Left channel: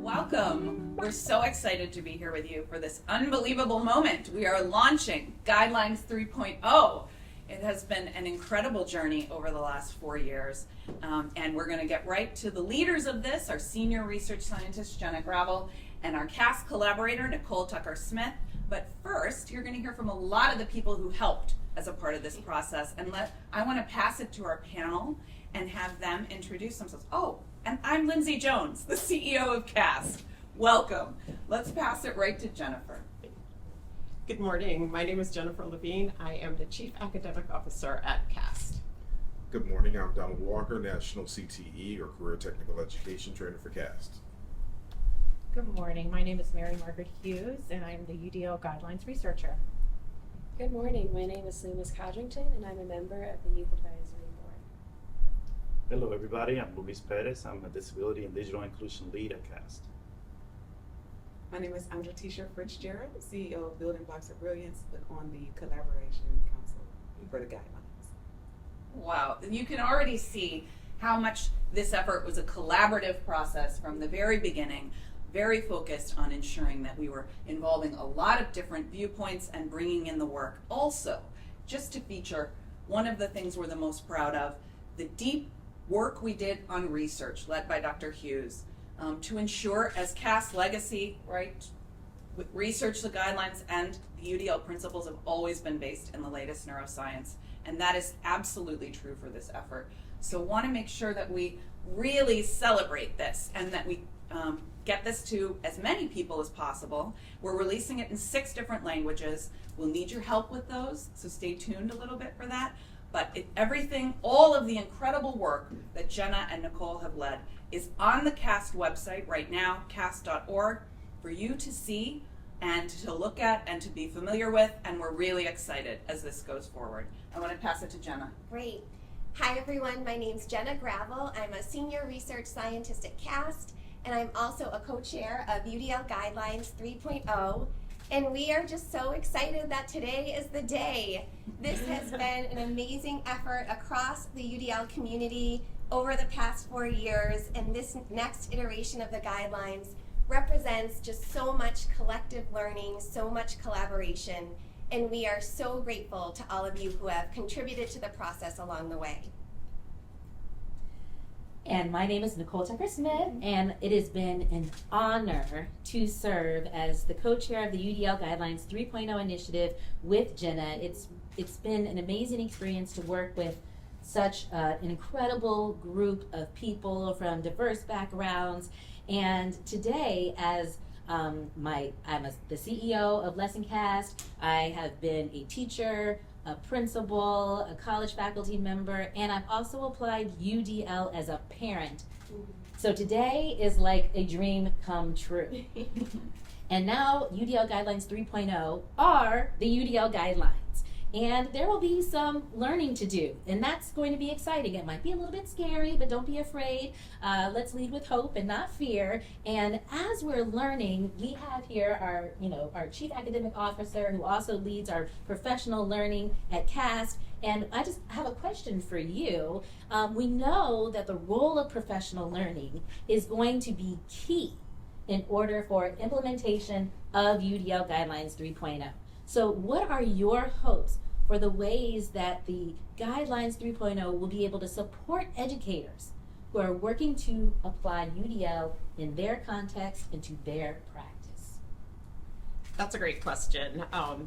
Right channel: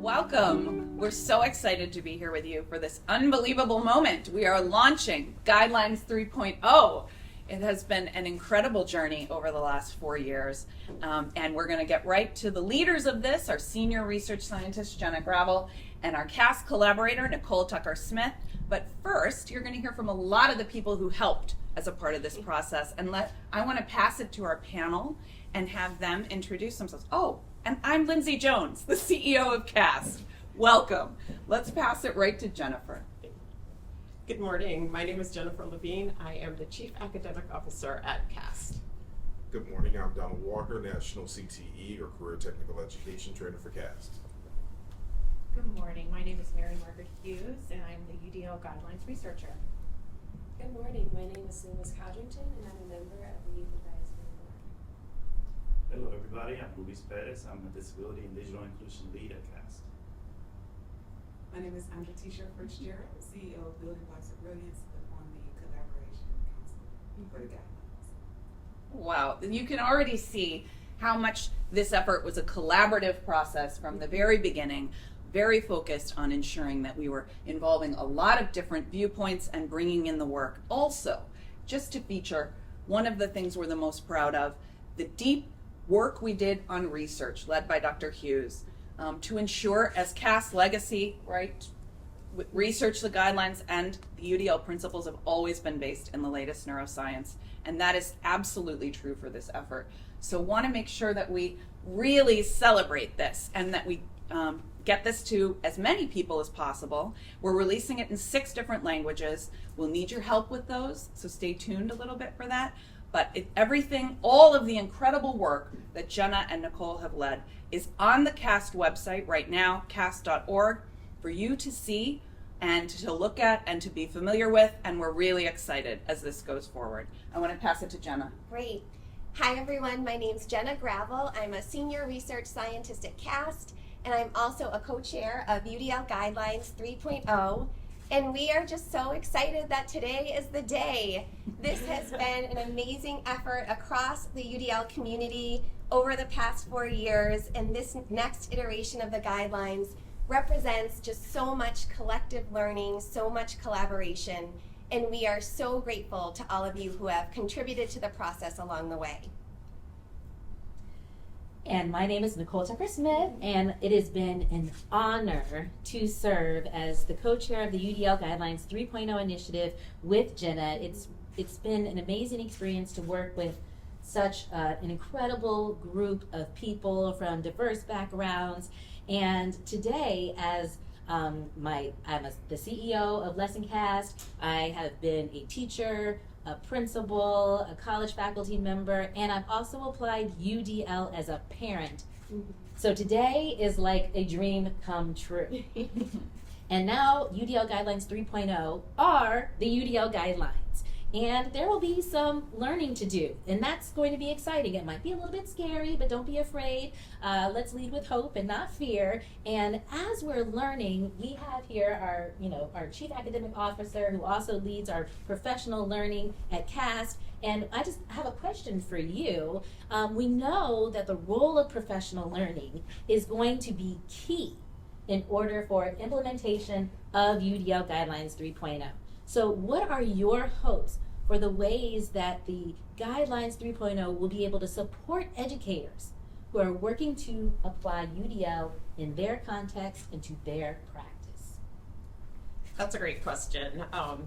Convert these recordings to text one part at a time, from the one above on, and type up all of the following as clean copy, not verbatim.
Welcome. We're so excited to be here with you for this unbelievable moment. We are launching Guidelines 3.0. It has been an incredible journey over the last 4 years, and we're going to get right to the leaders of this, our senior research scientist, Jenna Gravel, and our CAST collaborator, Nicole Tucker-Smith. But first, you're going to hear from a lot of the people who helped as a part of this process, and I want to pass it to our panel and have them introduce themselves. Oh, and I'm Lindsay Jones, the CEO of CAST. Welcome. Let's pass it right to Jennifer. Good morning. My name is Jennifer Levine. I am the Chief Academic Officer at CAST. Good morning. I'm Donald Walker, National CTE or Career Technical Education Trainer for CAST. Good morning. My name is Mary Margaret Hughes, and I'm the UDL Guidelines researcher. Good morning. My name is Loomis Codrington, and I'm a member of the Youth Advisory Board. Hello, everybody. I'm Luis Perez. I'm a Disability and Digital Inclusion Lead at CAST. My name is Andra Tisha Fitzgerald, CEO of Building Blocks of Brilliance, but on the Collaboration Council for the Guidelines. Wow, you can already see how much this effort was a collaborative process from the very beginning, very focused on ensuring that we were involving a lot of different viewpoints and bringing in the work. Also, just to feature one of the things we're the most proud of, the deep work we did on research led by Dr. Hughes. To ensure, as CAST legacy, right, research, the guidelines, and the UDL principles have always been based in the latest neuroscience, and that is absolutely true for this effort. So want to make sure that we really celebrate this and that we get this to as many people as possible. We're releasing it in 6 different languages. We'll need your help with those, so stay tuned a little bit for that. But all of the incredible work that Jenna and Nicole have led is on the CAST website right now, cast.org, for you to see and to look at and to be familiar with, and we're really excited as this goes forward. I want to pass it to Jenna. Great. Hi everyone, my name's Jenna Gravel. I'm a senior research scientist at CAST, and I'm also a co-chair of UDL Guidelines 3.0. And we are just so excited that today is the day. This has been an amazing effort across the UDL community over the past 4 years, and this next iteration of the guidelines represents just so much collective learning, so much collaboration, and we are so grateful to all of you who have contributed to the process along the way. And my name is Nicole Tucker-Smith, and it has been an honor to serve as the co-chair of the UDL Guidelines 3.0 initiative with Jenna. It's been an amazing experience to work with such an incredible group of people from diverse backgrounds. And today, as I'm the CEO of LessonCast, I have been a teacher, a principal, a college faculty member, and I've also applied UDL as a parent. So today is like a dream come true. And now UDL Guidelines 3.0 are the UDL Guidelines. And there will be some learning to do, and that's going to be exciting. It might be a little bit scary, but don't be afraid. Let's lead with hope and not fear. And as we're learning, we have here our Chief Academic Officer who also leads our professional learning at CAST. And I just have a question for you. We know that the role of professional learning is going to be key in order for implementation of UDL Guidelines 3.0. So what are your hopes for the ways that the Guidelines 3.0 will be able to support educators who are working to apply UDL in their context and to their practice? That's a great question.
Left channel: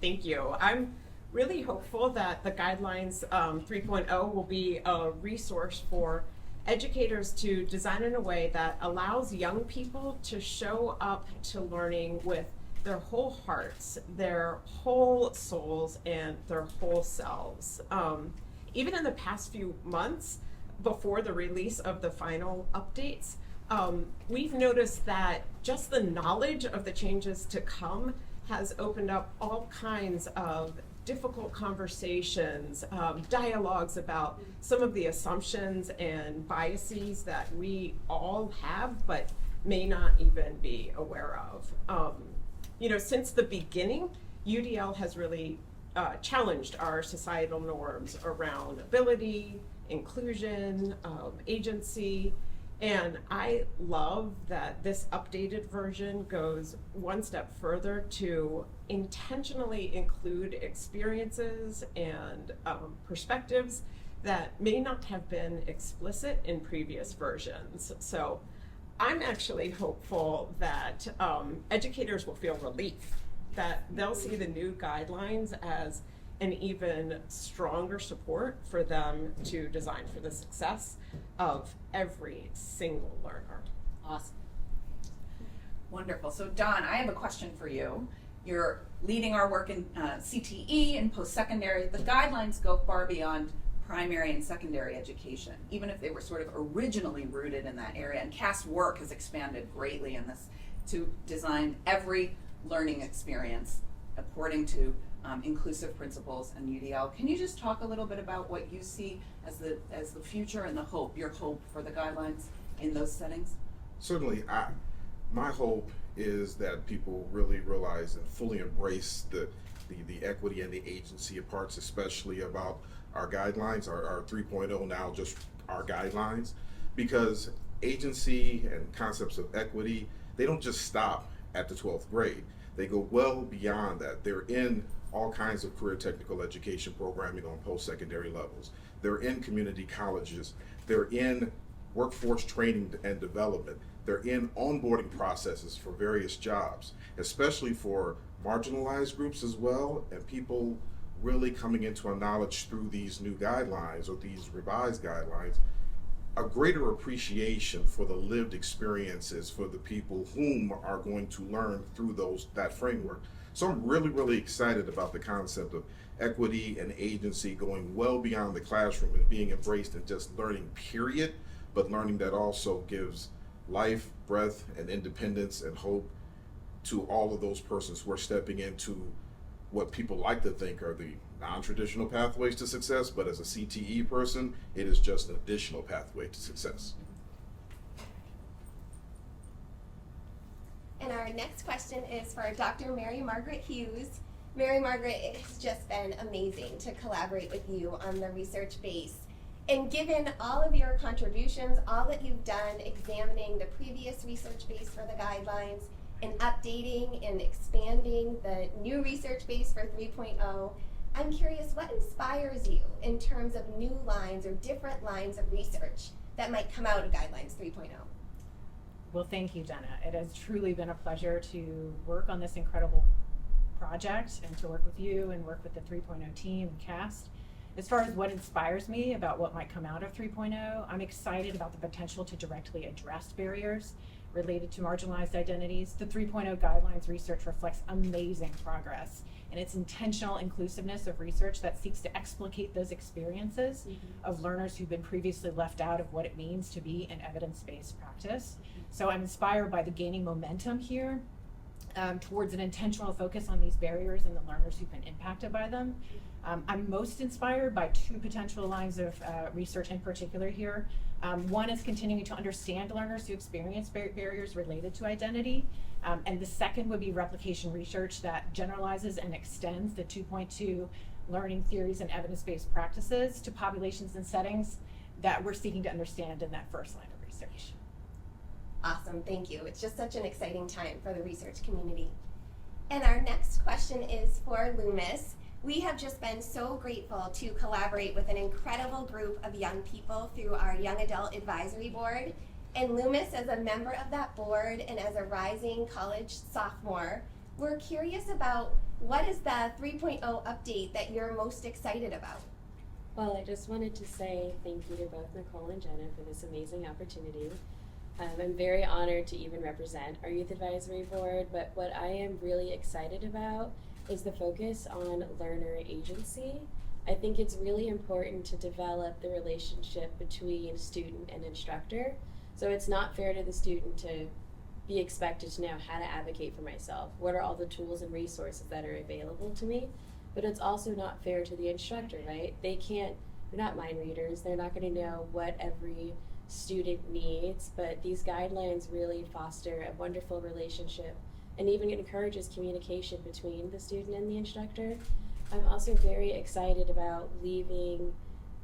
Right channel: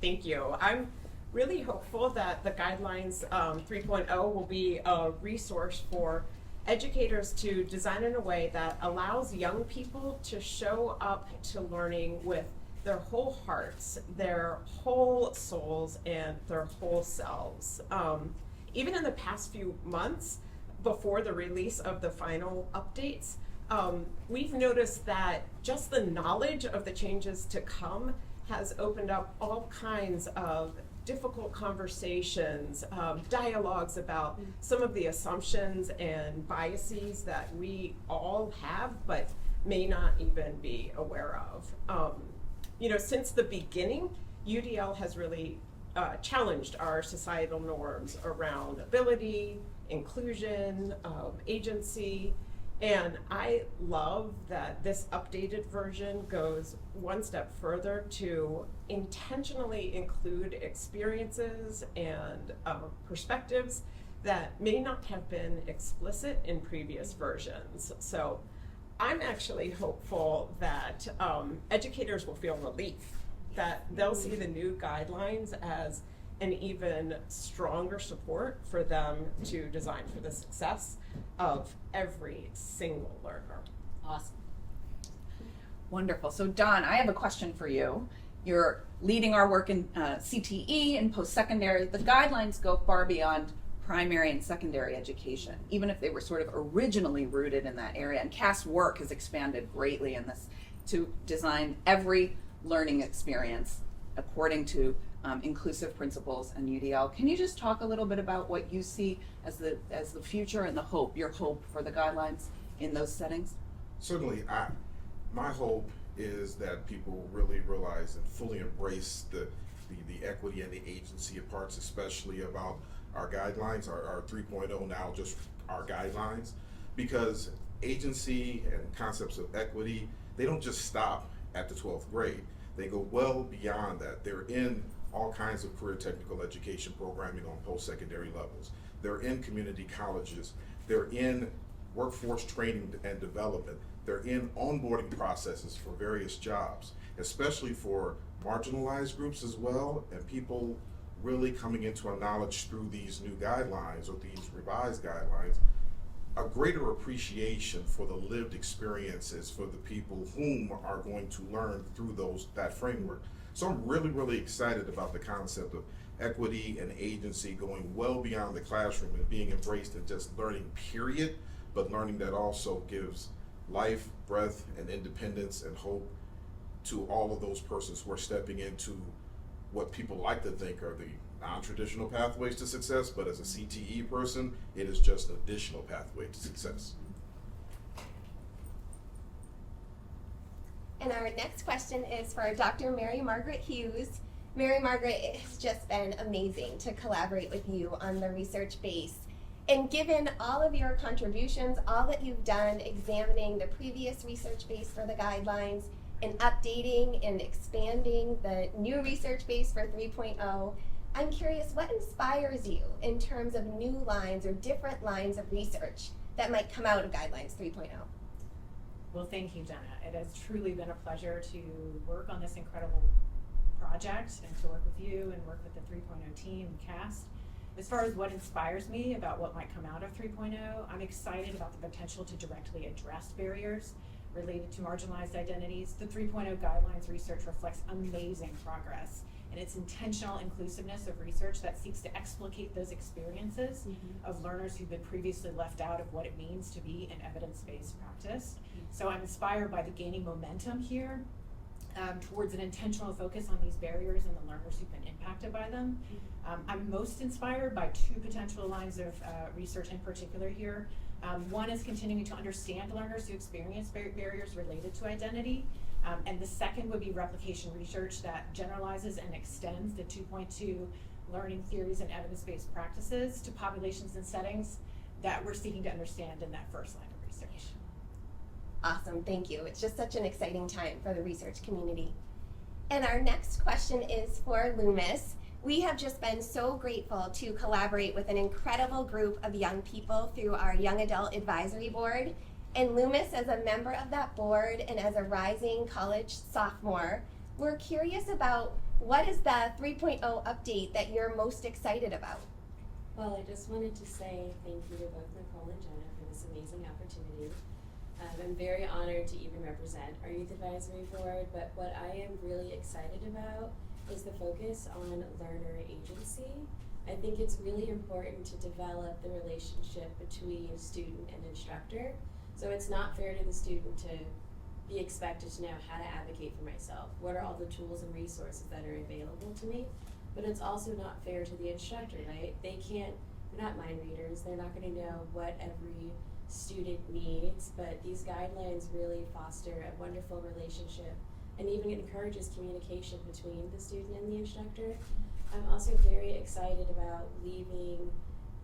Thank you. I'm really hopeful that the Guidelines 3.0 will be a resource for educators to design in a way that allows young people to show up to learning with their whole hearts, their whole souls, and their whole selves. Even in the past few months, before the release of the final updates, we've noticed that just the knowledge of the changes to come has opened up all kinds of difficult conversations, dialogues about some of the assumptions and biases that we all have but may not even be aware of. Since the beginning, UDL has really challenged our societal norms around ability, inclusion, agency. And I love that this updated version goes one step further to intentionally include experiences and perspectives that may not have been explicit in previous versions. So I'm actually hopeful that educators will feel relief, that they'll see the new guidelines as an even stronger support for them to design for the success of every single learner. Awesome. Wonderful. So Don, I have a question for you. You're leading our work in CTE and post-secondary. The guidelines go far beyond primary and secondary education, even if they were sort of originally rooted in that area. And CAST work has expanded greatly in this to design every learning experience according to inclusive principles and UDL. Can you just talk a little bit about what you see as the future and the hope, your hope for the guidelines in those settings? Certainly, my hope is that people really realize and fully embrace the equity and the agency of parts, especially about our guidelines, our 3.0 now, just our guidelines, because agency and concepts of equity, they don't just stop at the 12th grade. They go well beyond that. They're in all kinds of career technical education programming on post-secondary levels. They're in community colleges. They're in workforce training and development. They're in onboarding processes for various jobs, especially for marginalized groups as well, and people really coming into a knowledge through these new guidelines or these revised guidelines, a greater appreciation for the lived experiences for the people whom are going to learn through that framework. So I'm really, really excited about the concept of equity and agency going well beyond the classroom and being embraced in just learning, period, but learning that also gives life, breath, and independence and hope to all of those persons who are stepping into what people like to think are the non-traditional pathways to success, but as a CTE person, it is just an additional pathway to success. And our next question is for Dr. Mary Margaret Hughes. Mary Margaret, it has just been amazing to collaborate with you on the research base. And given all of your contributions, all that you've done examining the previous research base for the guidelines and updating and expanding the new research base for 3.0, I'm curious, what inspires you in terms of new lines or different lines of research that might come out of Guidelines 3.0? Well, thank you, Jenna. It has truly been a pleasure to work on this incredible project and to work with you and work with the 3.0 team and CAST. As far as what inspires me about what might come out of 3.0, I'm excited about the potential to directly address barriers related to marginalized identities. The 3.0 guidelines research reflects amazing progress and its intentional inclusiveness of research that seeks to explicate those experiences of learners who've been previously left out of what it means to be an evidence-based practice. So I'm inspired by the gaining momentum here towards an intentional focus on these barriers and the learners who've been impacted by them. I'm most inspired by two potential lines of research in particular here. One is continuing to understand learners who experience barriers related to identity. And the second would be replication research that generalizes and extends the 2.2 learning theories and evidence-based practices to populations and settings that we're seeking to understand in that first line of research. Awesome, thank you. It's just such an exciting time for the research community. And our next question is for Loomis. We have just been so grateful to collaborate with an incredible group of young people through our Young Adult Advisory Board. And Loomis, as a member of that board and as a rising college sophomore, we're curious about what is the 3.0 update that you're most excited about? Well, I just wanted to say thank you to both Nicole and Jenna for this amazing opportunity. I'm very honored to even represent our Youth Advisory Board, but what I am really excited about is the focus on learner agency. I think it's really important to develop the relationship between student and instructor. So it's not fair to the student to be expected to know how to advocate for myself. What are all the tools and resources that are available to me? But it's also not fair to the instructor, right? They're not mind readers. They're not going to know what every student needs, but these guidelines really foster a wonderful relationship and even encourages communication between the student and the instructor. I'm also very excited about leaving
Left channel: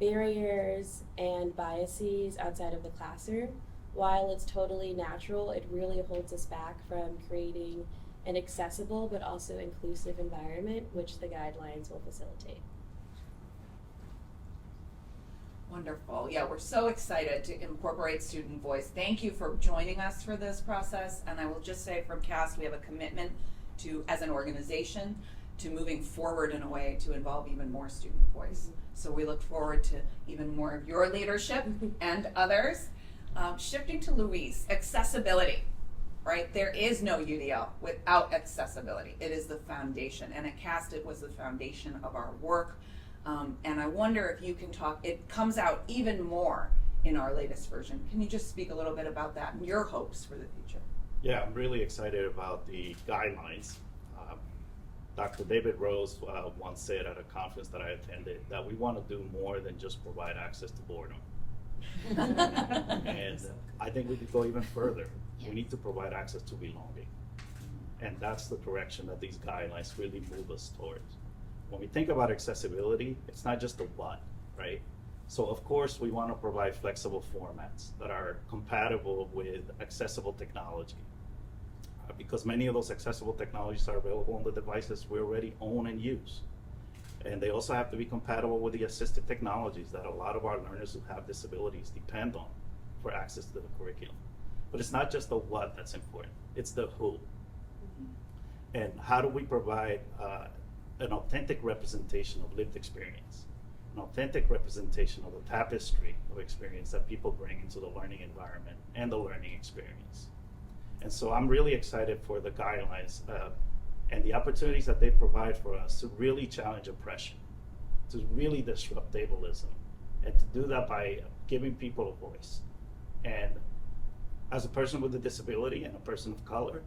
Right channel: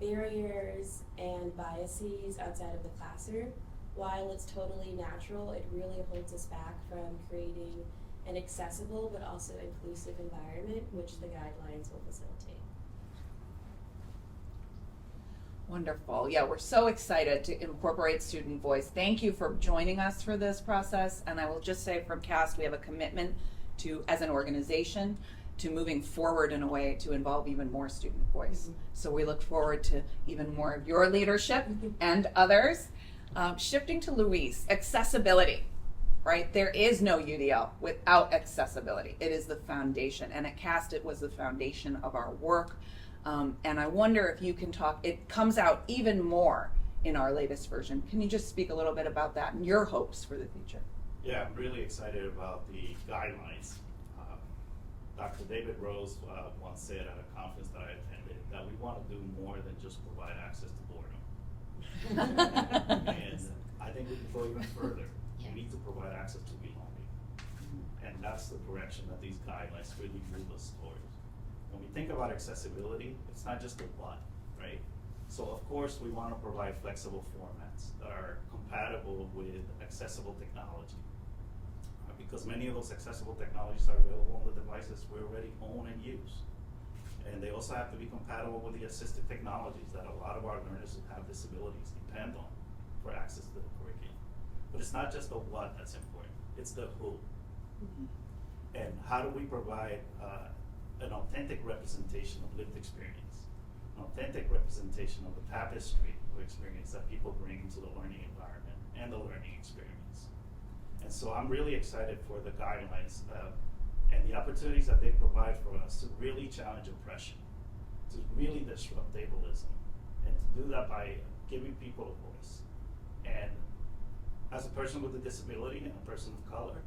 barriers and biases outside of the classroom. While it's totally natural, it really holds us back from creating an accessible but also inclusive environment, which the guidelines will facilitate. Wonderful. Yeah, we're so excited to incorporate student voice. Thank you for joining us for this process. And I will just say from CAST, we have a commitment to, as an organization, to moving forward in a way to involve even more student voice. Mm-hmm. So we look forward to even more of your leadership and others. Shifting to Louise, accessibility, right? There is no UDL without accessibility. It is the foundation. And at CAST, it was the foundation of our work. And I wonder if you can talk, it comes out even more in our latest version. Can you just speak a little bit about that and your hopes for the future? Yeah, I'm really excited about the guidelines. Dr. David Rose once said at a conference that I attended that we want to do more than just provide access to boredom. And I think we could go even further. We need to provide access to belonging. And that's the direction that these guidelines really move us towards. When we think about accessibility, it's not just the what, right? So of course, we want to provide flexible formats that are compatible with accessible technology. Because many of those accessible technologies are available on the devices we already own and use. And they also have to be compatible with the assistive technologies that a lot of our learners who have disabilities depend on for access to the curriculum. But it's not just the what that's important, it's the who. And how do we provide an authentic representation of lived experience, an authentic representation of the tapestry of experience that people bring into the learning environment and the learning experience. And so I'm really excited for the guidelines and the opportunities that they provide for us to really challenge oppression, to really disrupt ableism, and to do that by giving people a voice. And as a person with a disability and a person of color,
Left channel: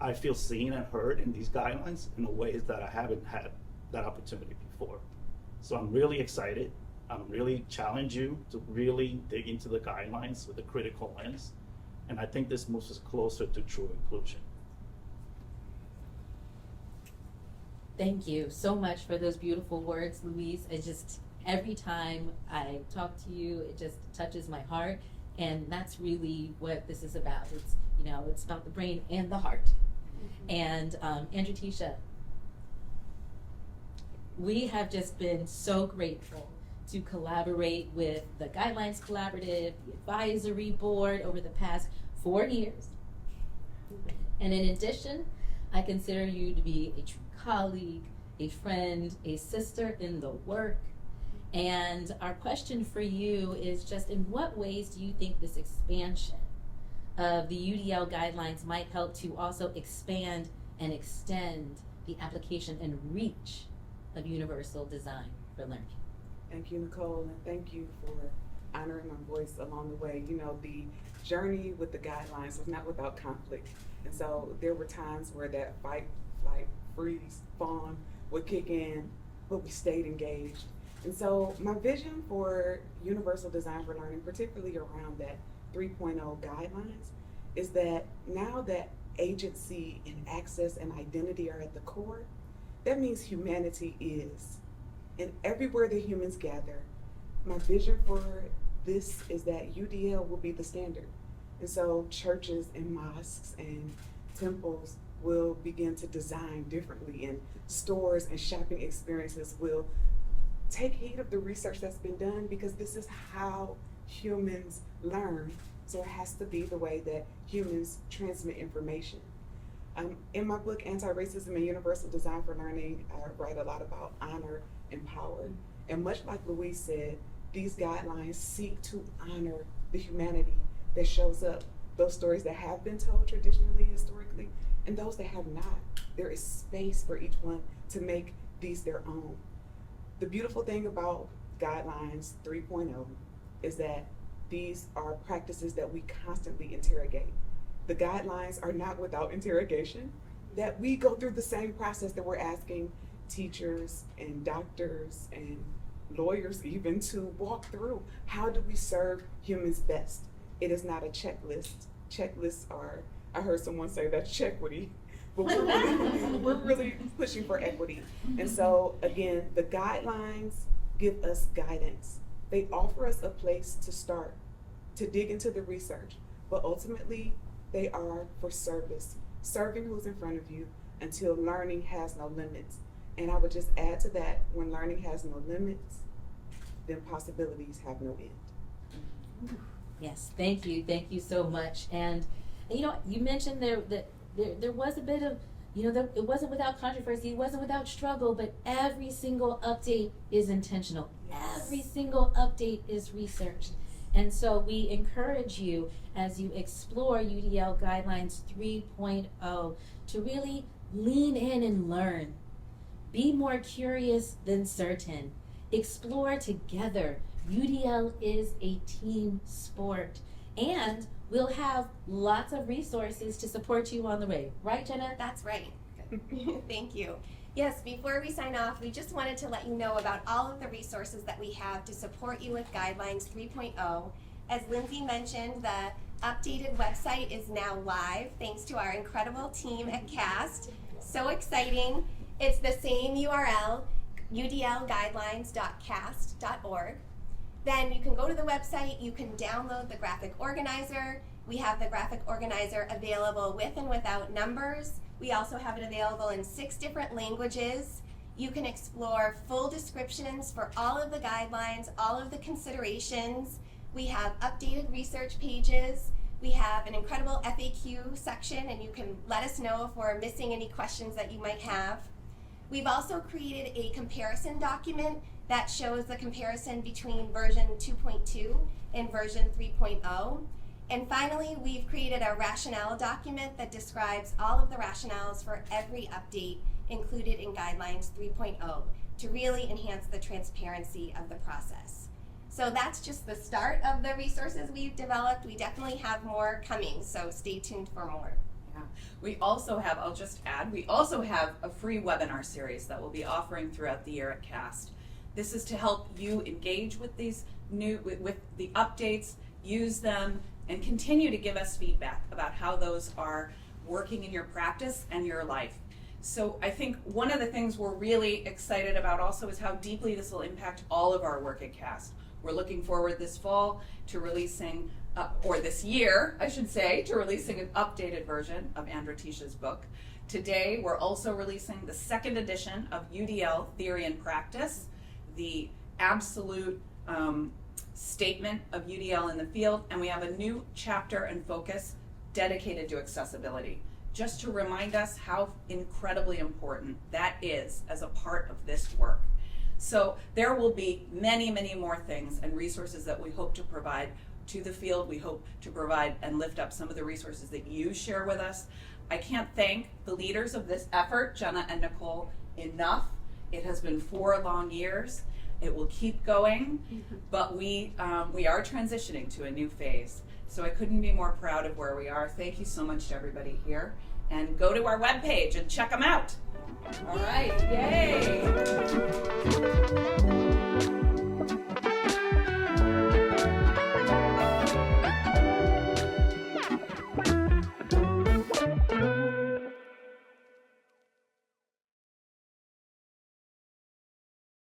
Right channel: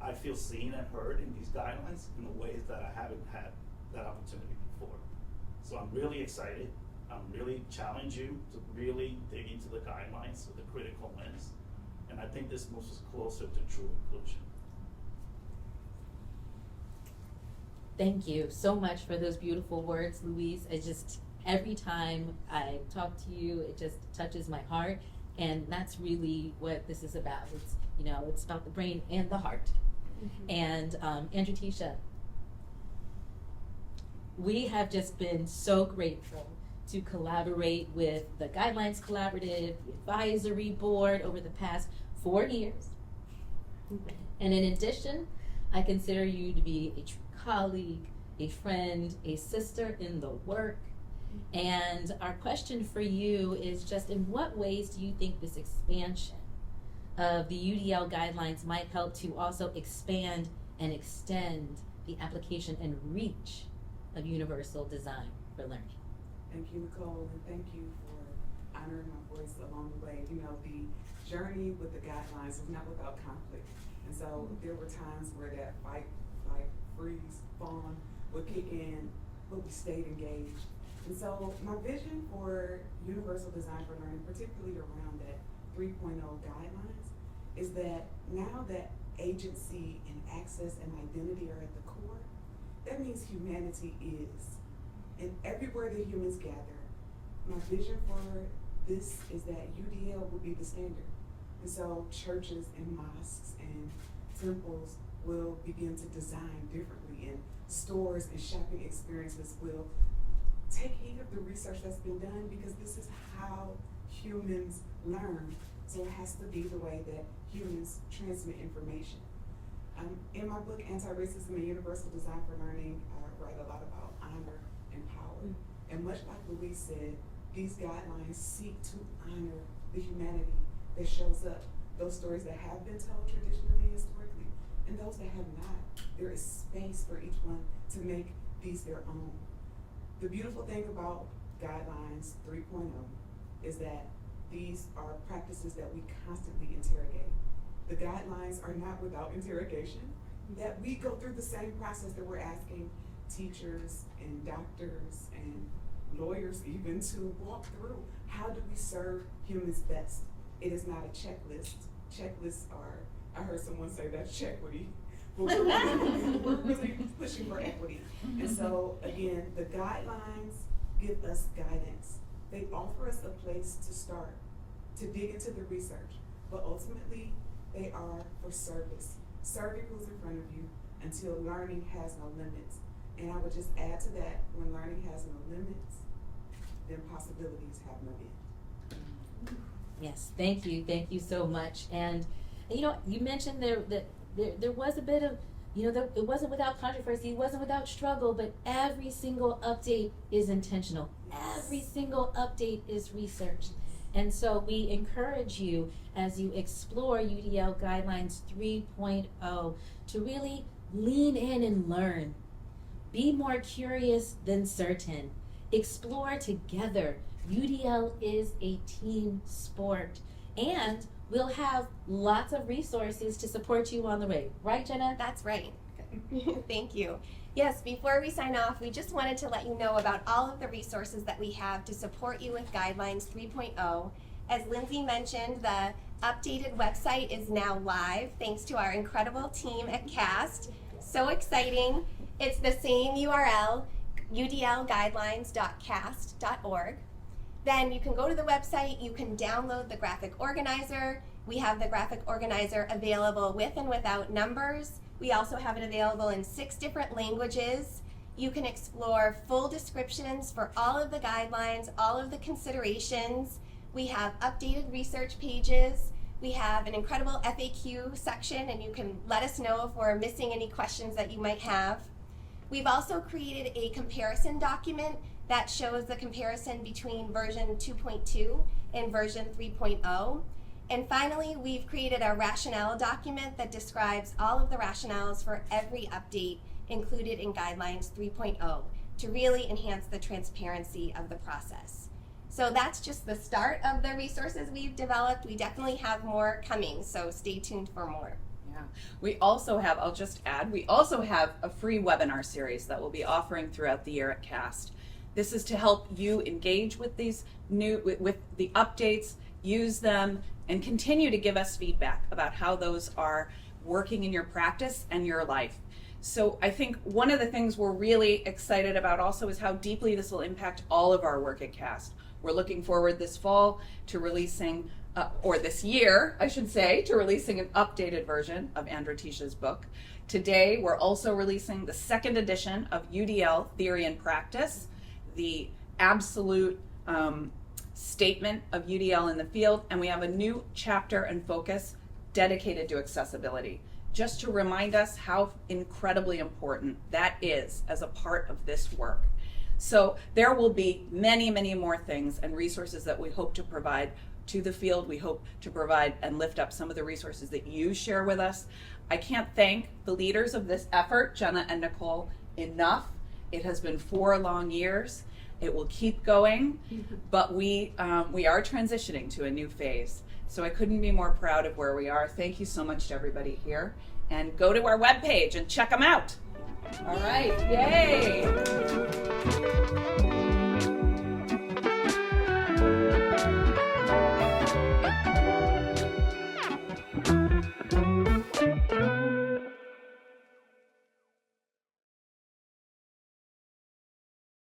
I feel seen and heard in these guidelines in ways that I haven't had that opportunity before. So I'm really excited. I'm really challenge you to really dig into the guidelines with a critical lens. And I think this moves us closer to true inclusion. Thank you so much for those beautiful words, Louise. Every time I talk to you, it just touches my heart. And that's really what this is about. It's about the brain and the heart. Mm-hmm. And Andrew Tisha, we have just been so grateful to collaborate with the Guidelines Collaborative, the Advisory Board over the past 4 years. And in addition, I consider you to be a true colleague, a friend, a sister in the work. And our question for you is just, in what ways do you think this expansion of the UDL guidelines might help to also expand and extend the application and reach of universal design for learning? Thank you, Nicole, and thank you for honoring my voice along the way. The journey with the guidelines is not without conflict. And so there were times where that fight, flight, freeze, fawn would kick in, but we stayed engaged. And so my vision for universal design for learning, particularly around that 3.0 guidelines, is that now that agency and access and identity are at the core, that means humanity is. And everywhere the humans gather, my vision for this is that UDL will be the standard. And so churches and mosques and temples will begin to design differently, and stores and shopping experiences will take heed of the research that's been done, because this is how humans learn. So it has to be the way that humans transmit information. In my book, Anti-Racism and Universal Design for Learning, I write a lot about honor and power. And much like Louise said, these guidelines seek to honor the humanity that shows up, those stories that have been told traditionally, historically, and those that have not. There is space for each one to make these their own. The beautiful thing about Guidelines 3.0 is that these are practices that we constantly interrogate. The guidelines are not without interrogation, that we go through the same process that we're asking teachers and doctors and lawyers even to walk through. How do we serve humans best? It is not a checklist. Checklists are, I heard someone say, that's chequity. but we're really pushing for equity. And so again, the guidelines give us guidance. They offer us a place to start, to dig into the research, but ultimately they are for service, serving who's in front of you until learning has no limits. And I would just add to that, when learning has no limits, then possibilities have no end. Yes, thank you so much. And you know, you mentioned there was a bit of, you know, it wasn't without controversy, it wasn't without struggle, but every single update is intentional. Yes. Every single update is researched. And so we encourage you as you explore UDL Guidelines 3.0 to really lean in and learn. Be more curious than certain. Explore together. UDL is a team sport. And we'll have lots of resources to support you on the way. Right, Jenna? That's right. Thank you. Yes, before we sign off, we just wanted to let you know about all of the resources that we have to support you with Guidelines 3.0. As Lindsay mentioned, the updated website is now live thanks to our incredible team at CAST. So exciting. It's the same URL, udlguidelines.cast.org. Then you can go to the website, you can download the graphic organizer. We have the graphic organizer available with and without numbers. We also have it available in 6 different languages. You can explore full descriptions for all of the guidelines, all of the considerations. We have updated research pages. We have an incredible FAQ section, and you can let us know if we're missing any questions that you might have. We've also created a comparison document that shows the comparison between version 2.2 and version 3.0. And finally, we've created a rationale document that describes all of the rationales for every update included in Guidelines 3.0 to really enhance the transparency of the process. So that's just the start of the resources we've developed. We definitely have more coming, so stay tuned for more. Yeah. We also have, I'll just add, we also have a free webinar series that we'll be offering throughout the year at CAST. This is to help you engage with these with the updates, use them, and continue to give us feedback about how those are working in your practice and your life. So I think one of the things we're really excited about also is how deeply this will impact all of our work at CAST. We're looking forward this fall to releasing, or this year, I should say, to releasing an updated version of Andra Tisha's book. Today, we're also releasing the 2nd edition of UDL Theory and Practice, the absolute statement of UDL in the field, and we have a new chapter and focus dedicated to accessibility, just to remind us how incredibly important that is as a part of this work. So there will be many, many more things and resources that we hope to provide to the field. We hope to provide and lift up some of the resources that you share with us. I can't thank the leaders of this effort, Jenna and Nicole, enough. It has been 4 long years. It will keep going, but we are transitioning to a new phase. So I couldn't be more proud of where we are. Thank you so much to everybody here. And go to our webpage and check them out. All right, yay!